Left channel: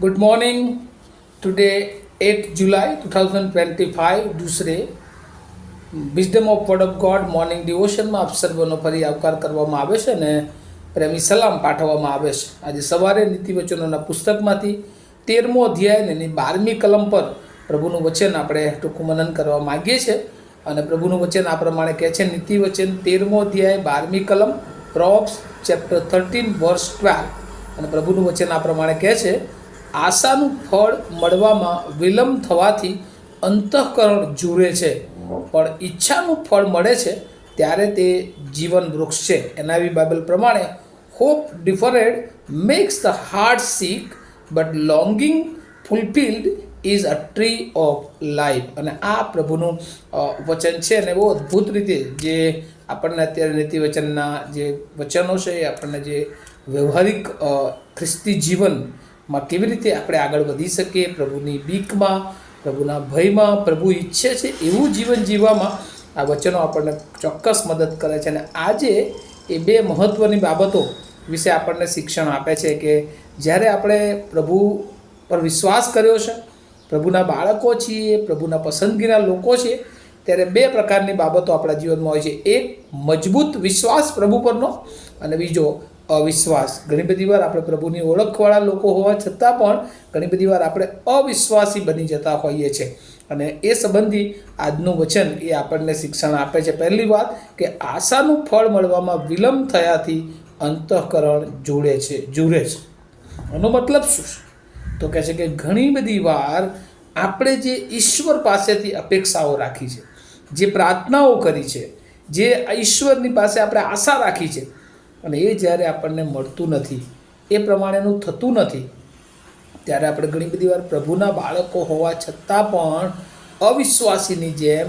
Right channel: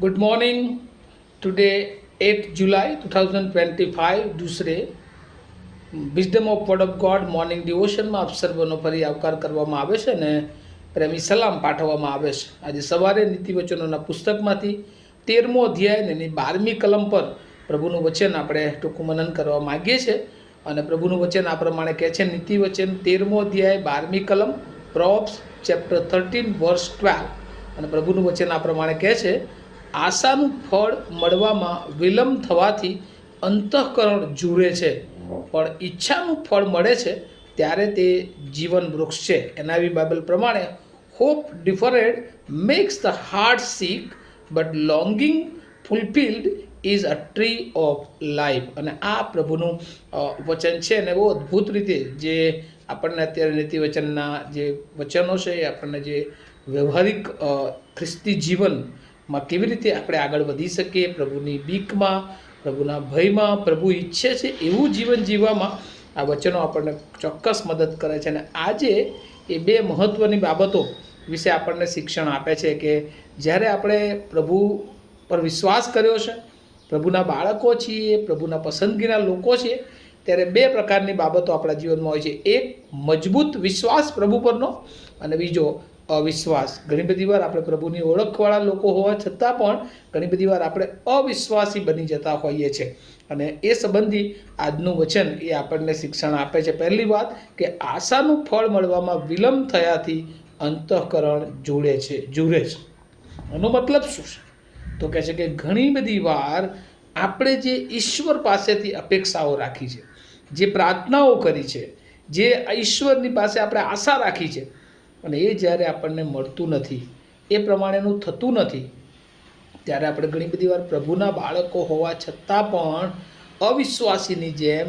Good morning today 8 जुलाई 2025 दूसरे wisdom of word of God morning ડિવોશનમાં આપ સર્વનો ફરી આવકાર કરવામાં આવે છે અને પ્રેમી સલામ પાઠવવામાં આવે છે. આજે સવારે નીતિવચનોના પુસ્તકમાંથી 13મો અધ્યાય અને એની 12મી કલમ પર પ્રભુનું વચન આપણે ટૂંકું મનન કરવા માગીએ છીએ. અને પ્રભુનું વચન આ પ્રમાણે કહે છે, નીતિવચન 13મો અધ્યાય 12મી કલમ, પ્રોવ્સ ચેપ્ટર 13 વર્સ 12. અને પ્રભુનું વચન આ પ્રમાણે કહે છે, આશાનું ફળ મળવામાં વિલંબ થવાથી અંતઃકરણ જુએ છે, પણ ઈચ્છાનું ફળ મળે છે ત્યારે તે જીવન વૃક્ષ છે. એનઆઈવી બાઇબલ પ્રમાણે hope deferred makes the heart sick but longing fulfilled is a tree of life. અને આ પ્રભુનું વચન છે અને બહુ અદ્ભુત રીતે જે આપણને અત્યારે નીતિવચનના જે વચનો છે એ આપણને જે વ્યવહારિક ખ્રિસ્તી જીવનમાં કેવી રીતે આપણે આગળ વધી શકીએ, પ્રભુની બીકમાં, પ્રભુના ભયમાં, પ્રભુ ઈચ્છે છે એવું જીવન જીવવામાં આ વચનો આપણને ચોક્કસ મદદ કરે છે. અને આજે એ બે મહત્ત્વની બાબતો વિશે આપણને શિક્ષણ આપે છે કે જ્યારે આપણે પ્રભુ પર વિશ્વાસ કર્યો છે, પ્રભુના બાળકો છીએ, પ્રભુના પસંદગીના લોકો છીએ, ત્યારે બે પ્રકારની બાબતો આપણા જીવનમાં હોય છે. એક મજબૂત વિશ્વાસ પ્રભુ પરનો અને બીજો અવિશ્વાસ. ઘણી બધી વાર આપણે પ્રભુની ઓળખવાળા લોકો હોવા છતાં પણ ઘણી બધી વાર આપણે અવિશ્વાસી બની જતા હોઈએ છીએ. અને એ સંબંધી આજનું વચન એ આપણને શિક્ષણ આપે છે. પહેલી વાત કે આશાનું ફળ મળવામાં વિલંબ થયાથી અંતઃકરણ જુએ છે. એનો મતલબ શું છે? તો કહે છે કે ઘણી બધી વાર આપણે જે ઈશ્વર પાસેથી અપેક્ષાઓ રાખી છે, જે પ્રાર્થનાઓ કરી છે, જે ઈશ્વરની પાસે આપણે આશા રાખી છે, અને એ જ્યારે આપણને મળતું નથી, એ પ્રમાણેનું થતું નથી, ત્યારે આપણે ઘણી બધી વાર પ્રભુના બાળકો હોવા છતાં પણ અવિશ્વાસીની જેમ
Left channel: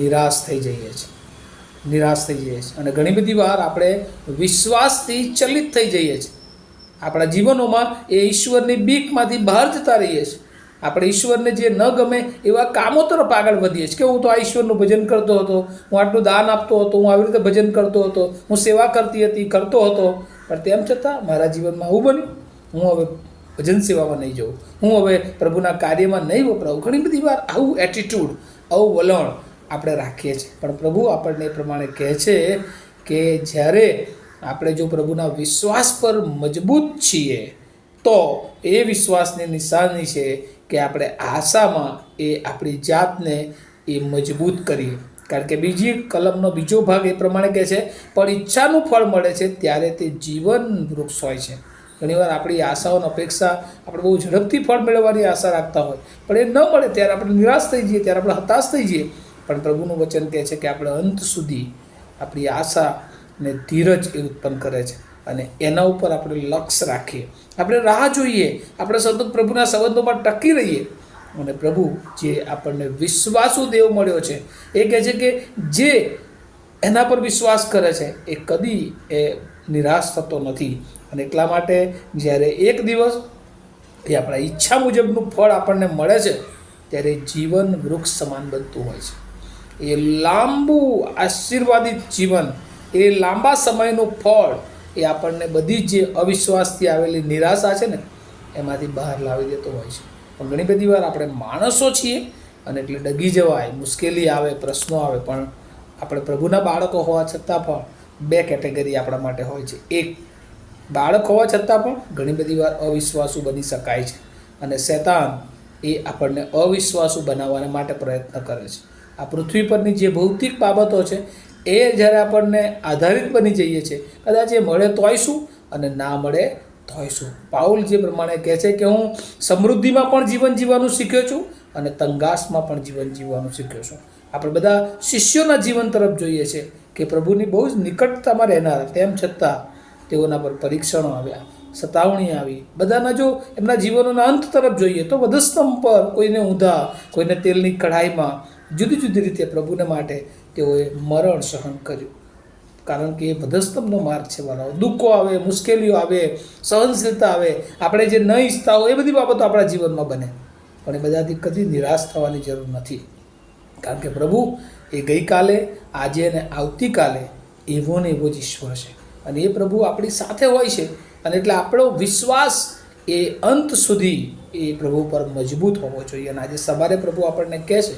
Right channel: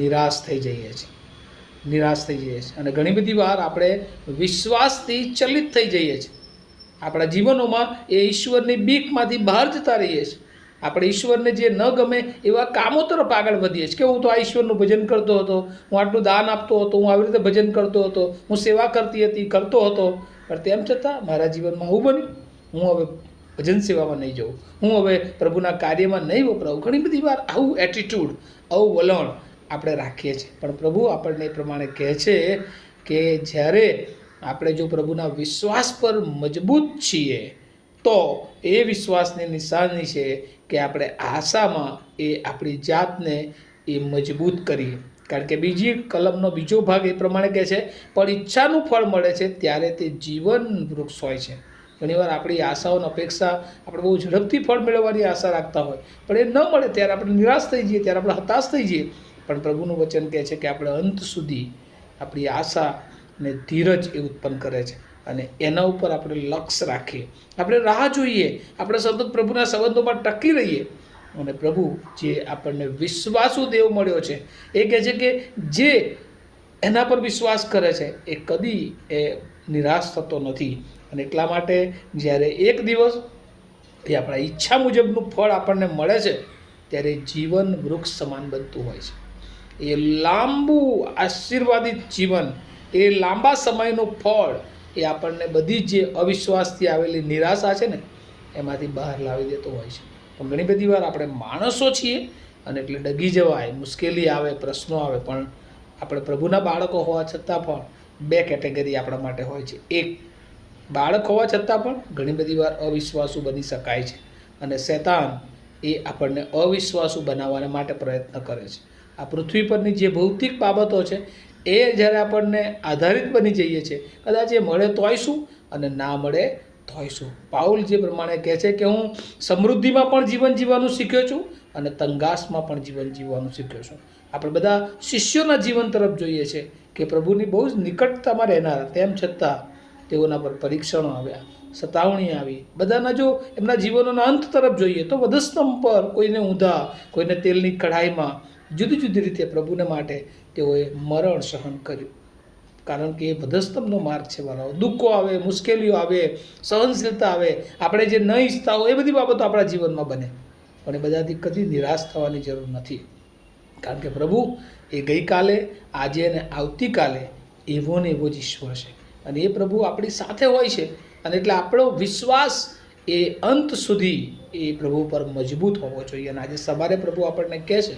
નિરાશ થઈ જઈએ છીએ. અને ઘણી બધી વાર આપણે વિશ્વાસથી ચલિત થઈ જઈએ છીએ. આપણા જીવનોમાં એ ઈશ્વરની બીકમાંથી બહાર જતા રહીએ છીએ. આપણે ઈશ્વરને જે ન ગમે એવા કામો તરફ આગળ વધીએ છીએ કે હું તો આ ઈશ્વરનું ભજન કરતો હતો, હું આટલું દાન આપતો હતો, હું આવી રીતે ભજન કરતો હતો, હું સેવા કરતો હતો, પણ તેમ છતાં મારા જીવનમાં આવું બન્યું, હું હવે ભજન સેવામાં નહીં જાઉં, હું હવે પ્રભુના કાર્યમાં નહીં વપરાવું. ઘણી બધી વાર આવું એટીટ્યૂડ, આવું વલણ આપણે રાખીએ છીએ. પણ પ્રભુ આપણને એ પ્રમાણે કહે છે કે જ્યારે આપણે જો પ્રભુના વિશ્વાસ પર મજબૂત છીએ તો એ વિશ્વાસની નિશાની છે કે આપણે આશામાં એ આપણી જાતને એ મજબૂત કરીએ. કારણ કે બીજી કલમનો બીજો ભાગ એ પ્રમાણે કહે છે, પણ ઈચ્છાનું ફળ મળે છે ત્યારે તે જીવન વૃક્ષ હોય છે. ઘણીવાર આપણી આશાઓની અપેક્ષા આપણે બહુ ઝડપથી ફળ મેળવવાની આશા રાખતા હોય, પણ એ ન મળે ત્યારે આપણે નિરાશ થઈ જઈએ, ત્યારે આપણે હતાશ થઈ જઈએ. પણ પ્રભુનું વચન કહે છે કે આપણે અંત સુધી આપણી આશા ને ધીરજ એ ઉત્પન્ન કરે છે અને એના ઉપર આપણે લક્ષ્ય રાખીએ, આપણે રાહ જોઈએ, આપણે સતત પ્રભુના સંબંધોમાં ટકી રહીએ. અને પ્રભુ જે આપણને વિશ્વાસુ દેવ મળ્યો છે એ કહે છે કે જે એના પર વિશ્વાસ કરે છે એ કદી એ નિરાશ થતો નથી. અને એટલા માટે જ્યારે એક દિવસ એ આપણા ઈચ્છા મુજબનું ફળ આપણને મળે છે ત્યારે જીવન વૃક્ષ સમાન બનતું હોય છે. એ લાંબુ આશીર્વાદિત જીવન, એ લાંબા સમયનું ફળ એ આપણને બધી જે અવિશ્વાસથી આવેલી નિરાશા છે ને એમાંથી બહાર લાવી દેતો હોય છે. પણ ઘણી બધી વાર આપણે માણસો છીએ અને એટલે ડગી જવાય, મુશ્કેલી આવે, પ્રશ્નો આવે. પણ આપણે પ્રભુના બાળકો હોવા છતાં પણ બે કેટેગરી આપણા માટે હોય છે. એક, બાળક હોવા છતાં પણ ઘણી બધી વાર અવિશ્વાસુ બની શકાય છે અને શૈતાન એ આપણને અવિશ્વાસુ બનાવવા માટે પ્રયત્ન કરે છે. આ પૃથ્વી પરની જે ભૌતિક બાબતો છે એ જ્યારે આપણને આધારિત બની જઈએ છીએ, કદાચ એ મળે તોય શું અને ના મળે તોય શું. પાઉલ જે પ્રમાણે કહે છે કે હું સમૃદ્ધિમાં પણ જીવન જીવવાનું શીખ્યો છું અને તંગાસમાં પણ જીવન જીવવાનું શીખ્યો છું. આપણે બધા શિષ્યોના જીવન તરફ જોઈએ છીએ કે પ્રભુની બહુ જ નિકટતામાં રહેનારા, તેમ છતાં તેઓના પર પરીક્ષણો આવ્યા, સતાવણી આવી. બધાના જો એમના જીવનોના અંત તરફ જોઈએ તો વધસ્તંભ પર, કોઈને ઊંધા, કોઈને તેલની કઢાઈમાં, જુદી જુદી રીતે પ્રભુને માટે તેઓએ મરણ સહન કર્યું. કારણ કે એ વધસ્તંભનો માર્ગ છે વાળાઓ. દુઃખો આવે, મુશ્કેલીઓ આવે, સહનશીલતા આવે, આપણે જે ન ઈચ્છતા હોય એ બધી બાબતો આપણા જીવનમાં બને. પણ એ બધાથી કદી નિરાશ થવાની જરૂર નથી. કારણ કે પ્રભુ એ ગઈકાલે, આજે અને આવતીકાલે એવો ને એવો જ ઈશ્વર છે. અને એ પ્રભુ આપણી સાથે હોય છે. અને એટલે આપણો વિશ્વાસ એ અંત સુધી એ પ્રભુ પર મજબૂત હોવો જોઈએ. અને આજે સવારે પ્રભુ આપણને કહે છે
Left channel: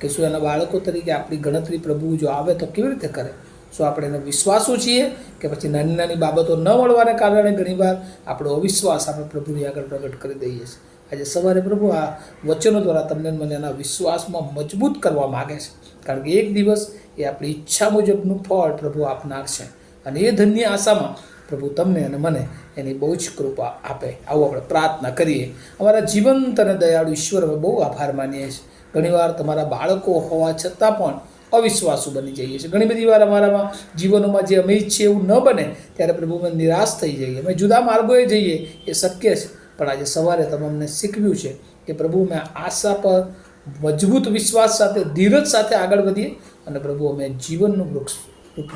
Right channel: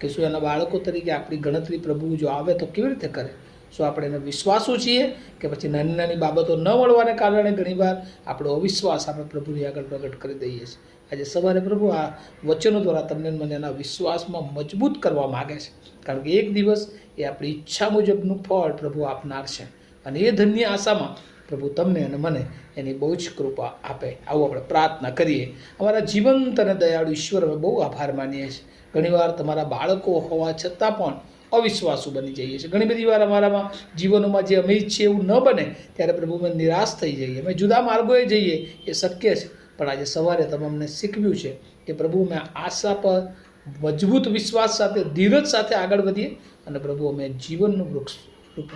કે શું એના બાળકો તરીકે આપણી ગણતરી પ્રભુ જો આવે તો કેવી રીતે કરે? શું આપણે એને વિશ્વાસુ છીએ કે પછી નાની નાની બાબતો ન મળવાને કારણે ઘણીવાર આપણો અવિશ્વાસ આપણે પ્રભુની આગળ પ્રગટ કરી દઈએ છીએ? આજે સવારે પ્રભુ આ વચનો દ્વારા તમને મને એના વિશ્વાસમાં મજબૂત કરવા માગે છે, કારણ કે એક દિવસ એ આપણી ઈચ્છા મુજબનું ફળ પ્રભુ આપનાર છે. અને એ ધન્ય આશામાં પ્રભુ તમને અને મને એની બહુ જ કૃપા આપે. આવું આપણે પ્રાર્થના કરીએ. અમારા જીવંત અને દયાળુ ઈશ્વર, અમે બહુ આભાર માનીએ છીએ. ઘણીવાર તમારા બાળકો હોવા છતાં પણ અવિશ્વાસુ બની જઈએ છીએ. ઘણી બધી વાર અમારામાં જીવનોમાં જે અમે ઈચ્છીએ એવું ન બને ત્યારે પ્રભુ અમે નિરાશ થઈ જઈએ, અમે જુદા માર્ગોએ જઈએ, એ શક્ય છે. પણ આજે સવારે તમે અમને શીખવ્યું છે કે પ્રભુ મેં આશા પર મજબૂત વિશ્વાસ સાથે, ધીરજ સાથે આગળ વધીએ અને પ્રભુ અમે જીવનનું વૃક્ષ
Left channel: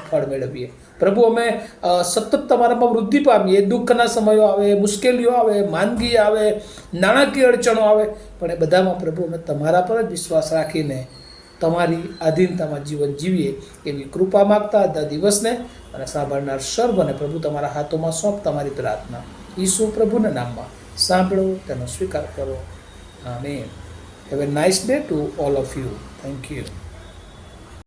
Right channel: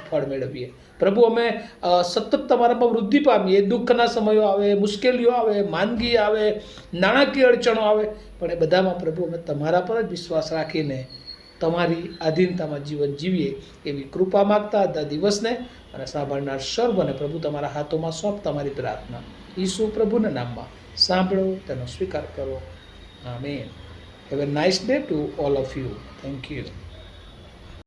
ફળ મેળવીએ. પ્રભુ અમે સતત તમારામાં વૃદ્ધિ પામીએ. દુઃખના સમયો આવે, મુશ્કેલીઓ આવે, માંદગી આવે, નાણાકીય અડચણો આવે, પણ એ બધામાં પ્રભુ અમે તમારા પર જ વિશ્વાસ રાખીને તમારી આધીનતામાં જીવન જીવીએ એવી કૃપા માગતા હતા દિવસને અને સાંભળનાર સર્વને પ્રભુ તમારા હાથોમાં સોંપ તમારી પ્રાર્થના ઈસુ પ્રભુના નામમાં સાંભળો, તેનો સ્વીકાર કરો. આમીન. Have a nice day to all of you. Thank you.